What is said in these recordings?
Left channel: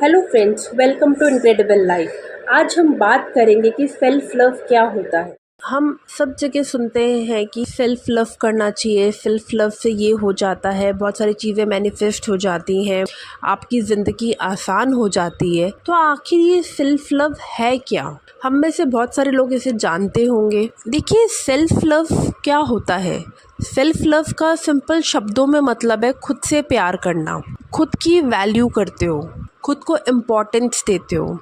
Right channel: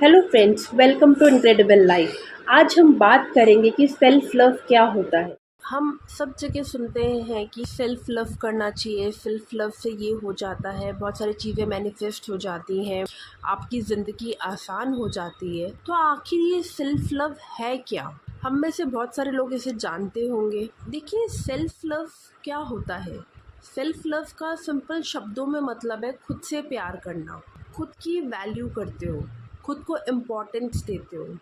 Hello friends, welcome to incredible life. आज हम बात करेंगे कि सेल्फ लव क्या होता है। हम सब जगह सुनते हैं कि सेल्फ लव करना चाहिए, सेल्फ लव से ये हो जाता है, बहुत सारी चीज़ें मैनिफेस्ट हो जाती हैं, आपकी ज़िंदगी आसान हो जाती है। तो आखिर ये सेल्फ लव है क्या? हम में से बहुत सारे लोग इसे जानते होंगे। देखिए, सेल्फ लव क्या होता है। सेल्फ लव का सिंपल शब्दों में मतलब है खुद से प्यार करना, खुद की वैल्यू करते हो, खुद को इम्पोर्टेंस देते हो,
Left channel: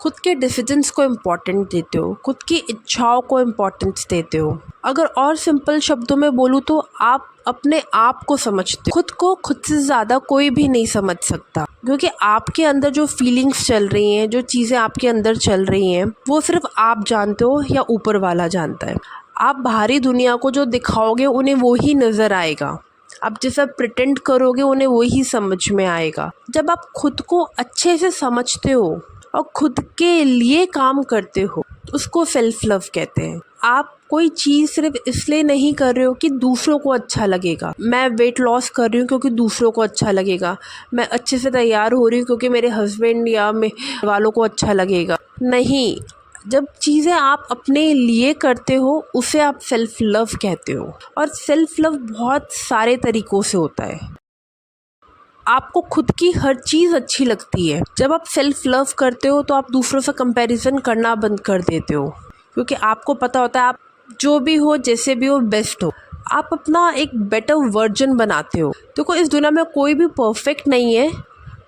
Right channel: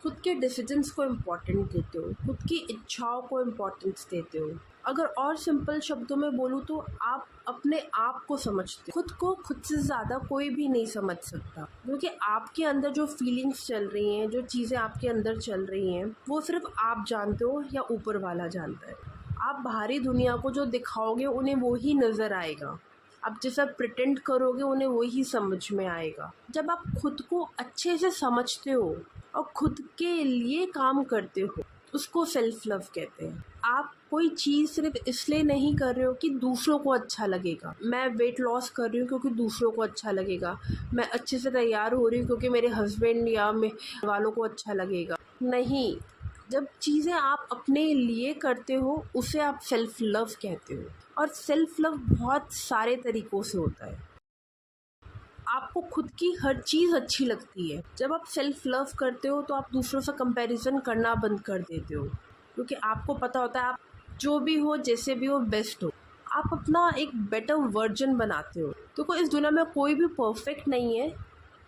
खुद के डिसीजंस को इम्पोर्टेंट देते हो, खुद की इच्छाओं को इम्पोर्टेंस देते हो। अगर और सिंपल शब्दों में बोलूँ तो आप अपने आप को समझते हो। खुद को खुद से ज़्यादा कोई भी नहीं समझ सकता, क्योंकि आपके अंदर जो फीलिंग्स चल रही हैं, जो चीज़ें आपके अंदर चल रही हैं, वो सिर्फ आप जानते हो या ऊपर वाला जानता है। आप बाहरी दुनिया को जो दिखाओगे उन्हें वो ही नज़र आएगा, आप जैसा प्रिटेंड करोगे उन्हें वही समझ में आएगा। जब आप खुद को अच्छे से समझते हो और खुद के लिए काम करते हो, उसको सेल्फ लव कहते हैं। आप कोई चीज़ सिर्फ इसलिए नहीं कर रहे हो कि दूसरों को अच्छा लगेगा। मैं वेट लॉस कर रही हूँ क्योंकि दूसरों को अच्छा लगेगा, मैं अच्छे से तैयार हो रही हूँ क्योंकि मेरे हस्बैंड या मेरे वालों को अच्छा लगेगा। नहीं, जब चीज़ें आप अपने लिए करते हो उसे आप सेल्फ लव कहते हो। और सेल्फ लव बहुत सारे तरीक़ों से होता है। आपको खुद की हर चीज़ अच्छी लगती है। जब आप सेल्फ लव करते हो तो आप दूसरों से कंपैरिजन करना बंद कर देते हो, क्योंकि आपको पता होता है आप जो भी हो, जैसे भी हो, बेस्ट हो। आप अपना एक बेटर वर्जन बनाते हो। देखो, इस दुनिया में कोई भी परफेक्ट नहीं है,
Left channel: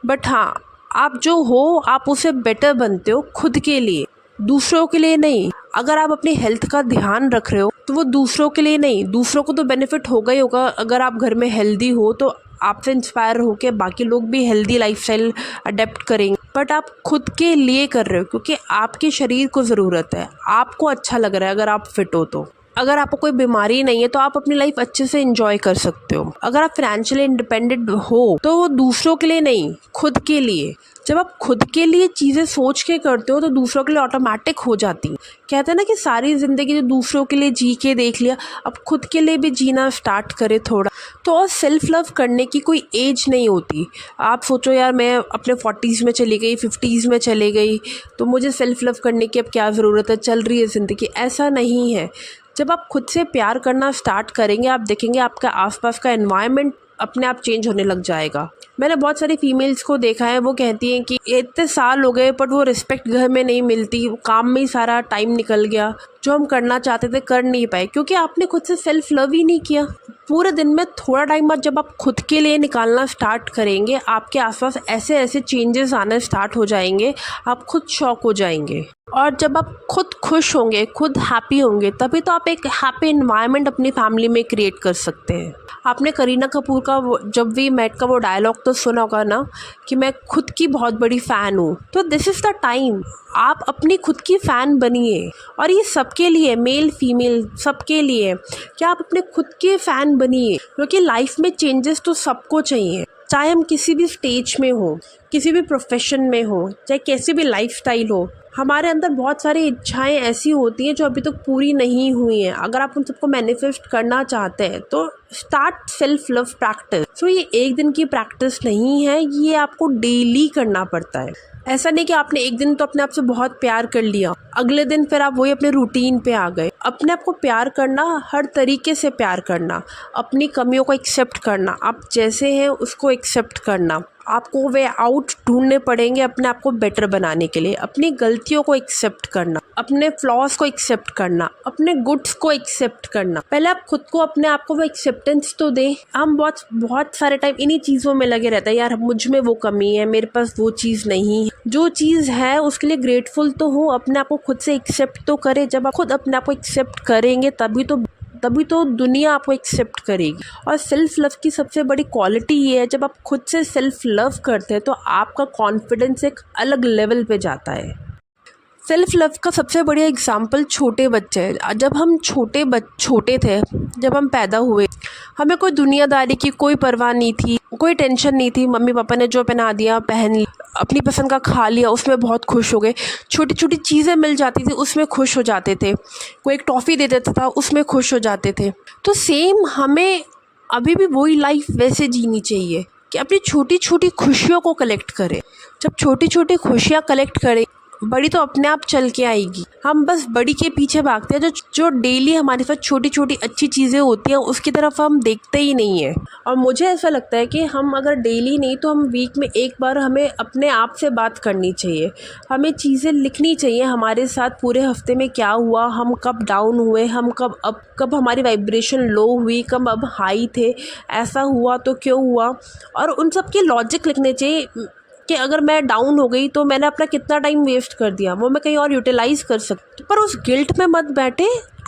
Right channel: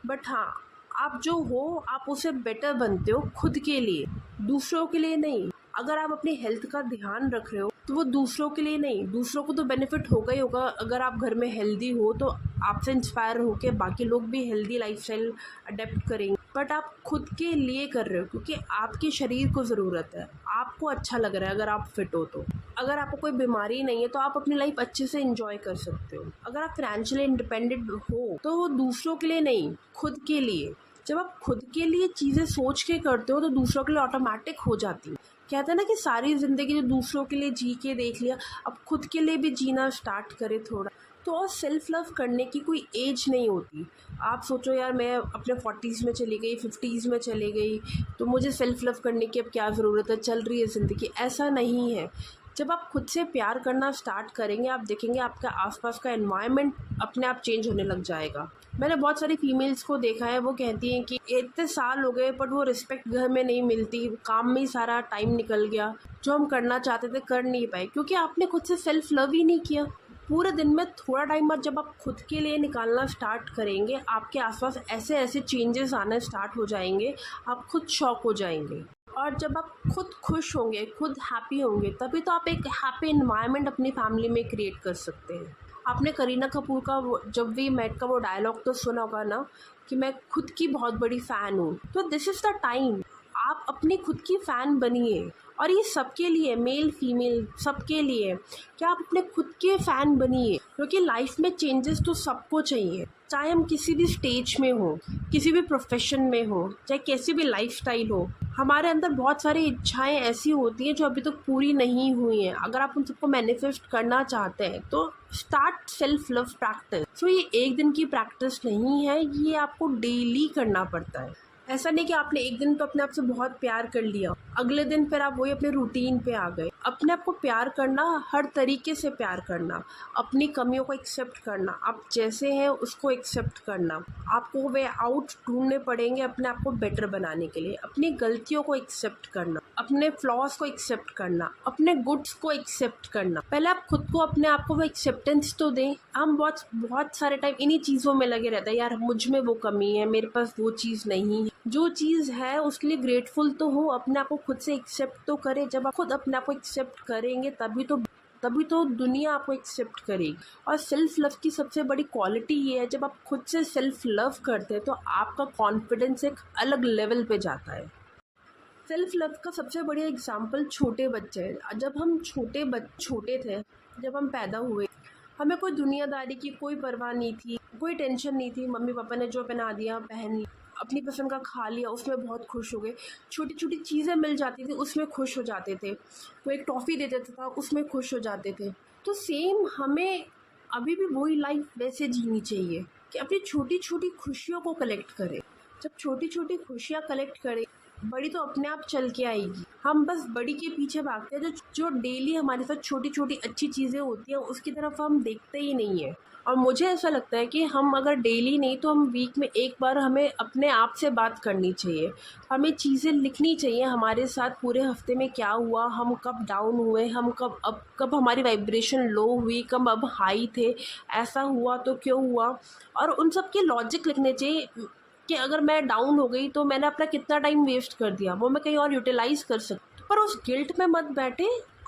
बट हाँ, आप जो हो आप उसे बेटर बनते हो खुद के लिए, दूसरों के लिए नहीं। अगर आप अपनी हेल्थ का ध्यान रख रहे हो तो वो दूसरों के लिए नहीं, दूसरों को तो बेनिफिट होगा ही होगा। अगर आप घर में हेल्दी हो तो आपसे इंस्पायर होकर बाकी लोग भी हेल्दी लाइफस्टाइल अडेप्ट करेंगे। बट आप खुद के लिए कर रहे हो क्योंकि आपके शरीर को ज़रूरत है, आपको अच्छा लग रहा है। अगर आप फिट हो तो, अगर आपको कोई बीमारी नहीं है तो आप अपनी लाइफ अच्छे से एंजॉय कर सकते हो। अगर आप फाइनेंशियली इंडिपेंडेंट हो तो वो दूसरों के लिए नहीं, खुद के लिए। जब आप खुद के लिए चीज़ें सोच के करते हो तो दूसरों के लिए ऑटोमेटिक हो जाती। कहते हैं ना कि सारी ज़िंदगी जो दूसरों के लिए जी के देख लिया, अब खुद के लिए भी जीना स्टार्ट करे थोड़ा। तो और सेल्फ लव करने की कोई एज नहीं होती। आप सोचो यार, मैं अपने 40s में चली गई, 50s में चली गई, तो मुझे सेल्फ लव करने की अब क्या ज़रूरत है, चल रही है ज़िंदगी। ऐसा नहीं है। जब आप खुद से प्यार करना स्टार्ट करेंगे, आप देखेंगे आपका आसपास का एनवायरनमेंट अपने आप चेंज होने लग जाएगा। मैंने बहुत सारी फीमेल्स को देखा है, वो कहती हैं कि इतने साल हो गए बट वो रिस्पेक्ट घर में नहीं मिलती, काम में ही सारा टाइम निकल गया, जो हम करना चाहते थे कर नहीं पाए, क्योंकि आपने खुद से सेल्फ लव ही नहीं किया। पूरे दिन में थोड़ा टाइम बाद जब आप खुद के लिए निकालना स्टार्ट करेंगे, आपके आसपास ऐसे ऐसे चेंजेस आने स्टार्ट हो जाएंगे, आप खुद शॉक हो जाएंगे। और जब आप खुद खुश होंगे, खुद हैप्पी होंगे, तभी तो आप एक हैप्पी एनवायरनमेंट अपनी फैमिली में क्रिएट कर सकते हैं। आपने करीना कपूर का जब वी मेट का वो डायलॉग तो सुना होगा ना, कि मैं खुद की बहुत बड़ी फ़ैन हूँ। तो दिस इज़ द टाइम, आप अपनी खुद की फ़ैन बनिए। और ये सबके लिए, मेल फीमेल सबके लिए, क्या आप अपने खुद के फ़ैन बनिए, क्योंकि लाइफ में चेंजेस तो सबको चाहिए। चाहे हम किसी भी स्टेज में हो, किसी भी प्रोफेशन में हो, चाहे कैसी भी लाइफस्टाइल हो, हमारे अंदर बहुत सारी इच्छाएं ऐसी होती हैं जो अभी तक पूरी नहीं हुई हैं। अगर आप उन सबको मैनिफेस्ट करना चाहते हैं तो स्टार्ट सेल्फ लव प्रैक्टिस। सो ये एक दिन की प्रैक्टिस नहीं है, ये आपको डेली करना पड़ता है। ऐसा नहीं कि आपने एक दिन तो अपने आप से बहुत प्यार कर लिया, अगले दिन फिर आप वही अपने रूटीन पे आ गए। अपने आप को प्यार करना, हर तरीके से प्यार करना, अपनी कमियों को एक्सेप्ट करना, आप जैसे हैं उसको एक्सेप्ट करना। आपको वे आउट ढूंढने पड़ेंगे अपने आप को बेटर बनाने के लिए। अपनी गलतियों को एक्सेप्ट करना, अपने फ्लॉज को एक्सेप्ट करना, अपने गुड्स को एक्सेप्ट करना। पहले आप खुद को, अपने आप को वो एक्सेप्टेंस तो दें। हम बहुत सारे टाइम इन्हीं चीज़ों में लगे रहते हैं, यार मुझ में वो कमी है, मेरे पास वो चीज़ नहीं है। जो चीज़ है उसके लिए ग्रेटफुल तो हो, अपने आप को खुद से एक्सेप्ट तो करें। जब आप खुद अपने आप को एक्सेप्ट करेंगे तभी तो दुनिया आपको एक्सेप्ट करेगी। और सेल्फ लव की सबसे बड़ी क्वालिटी ये है, जब आप खुद से सेल्फ लव करते हैं तो आपका कॉन्फिडेंस एक अलग लेवल पे जाता है। सेल्फ लव का सबसे बढ़िया एग्जाम्पल छोटे बच्चे हैं। जब हम छोटे थे, जब हम पैदा हुए, हमें कोई दुनियादारी की कोई परवाह नहीं थी, कोई टेंशन नहीं थी। मम्मी पापा ने जो पहना दिया पहन लिया, अपनी पसंद का खा लिया, उसमें बहुत खुश हो गए। छोटी छोटी चीज़ें मिल जाती थी, उसमें खुश हो जाते थे। कोई एक टॉफ़ी दे देता था, उसमें खुश हो जाते थे। तो सेम हमें अभी भी वही लाइफ वैसे जीनी चाहिए। कि अपनी छोटी छोटी खुशियों को कलेक्ट करें। जब छोटी छोटी खुशियाँ कलेक्ट करें, बड़ी तो अपने आप चल के आएगी। हम बस बड़ी के पीछे भागते हैं, जो जो डेली हमारे साथ छोटी छोटी अच्छी चीज़ें होती हैं उसकी तरफ हम देखते ही नहीं हैं। और मुझे ऐसा लगता है कि हम अगर डेली नहीं तो हम वीक में एक बार हमें अपने आप से बात करनी चाहिए। हमें चीज़ें लिखनी चाहिए हमारे साथ पूरे हफ्ते में क्या हुआ, हम कब डाउन हुए, हम कब हमारी वाइब्रेशन लो हुई, कब अब हाई थे, ऐसा हुआ तो क्यों हुआ। और उन सब के लॉजिक लिखने चाहिए कि अगर मैं डाउन हो गई तो मैंने अपना कितना टाइम वेस्ट कर दिया, वो मैं कहीं और यूटिलाइज़ कर सकती। पर उस गिल्ट में मत बैठे,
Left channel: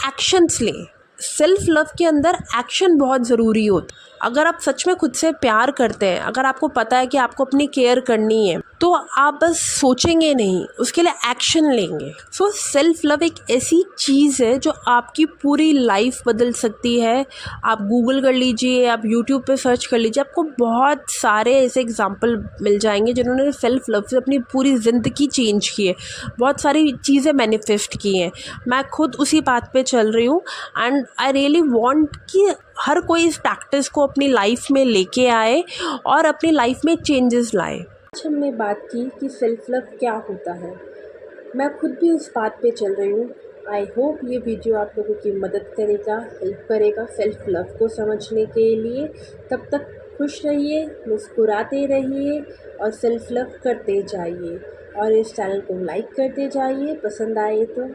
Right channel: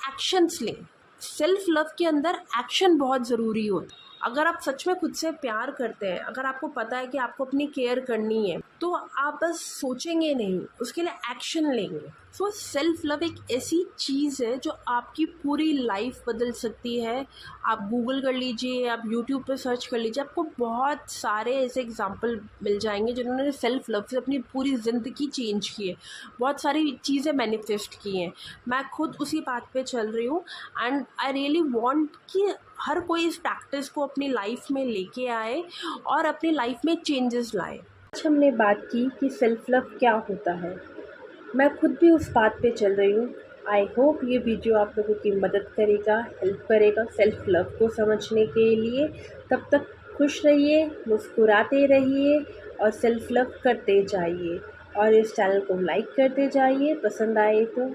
एक्शंस लें। सेल्फ लव के अंदर एक्शन बहुत ज़रूरी होता है। अगर आप सच में खुद से प्यार करते हैं, अगर आपको पता है कि आपको अपनी केयर करनी है, तो आप बस सोचेंगे नहीं, उसके लिए एक्शन लेंगे। सो सेल्फ लव एक ऐसी चीज़ है जो आपकी पूरी लाइफ बदल सकती है। आप गूगल कर लीजिए, आप यूट्यूब पे सर्च कर लीजिए, आपको बहुत सारे ऐसे एग्जाम्पल मिल जाएंगे जिन्होंने सेल्फ लव से अपनी पूरी ज़िंदगी चेंज की है, बहुत सारी चीज़ें मैनिफेस्ट की हैं। मैं खुद उसी बात पे चल रही हूँ एंड आई रियली वांट कि हर कोई इस प्रैक्टिस को अपनी लाइफ में लेके आए और अपनी लाइफ में चेंजेस लाए। आज हमने बात की कि सेल्फ लव क्या होता है। मैं खुद भी उस बात पे चल रही हूँ। आई होप ये वीडियो आप लोगों की मदद करेगा, हेल्प करेगा सेल्फ लव को समझने के लिए। तब तक खुश रहिए, मुस्कुराते रहिए और सेल्फ लव करते जाइए। और इस चैनल को लाइक करते जाइए पसंद आए तो।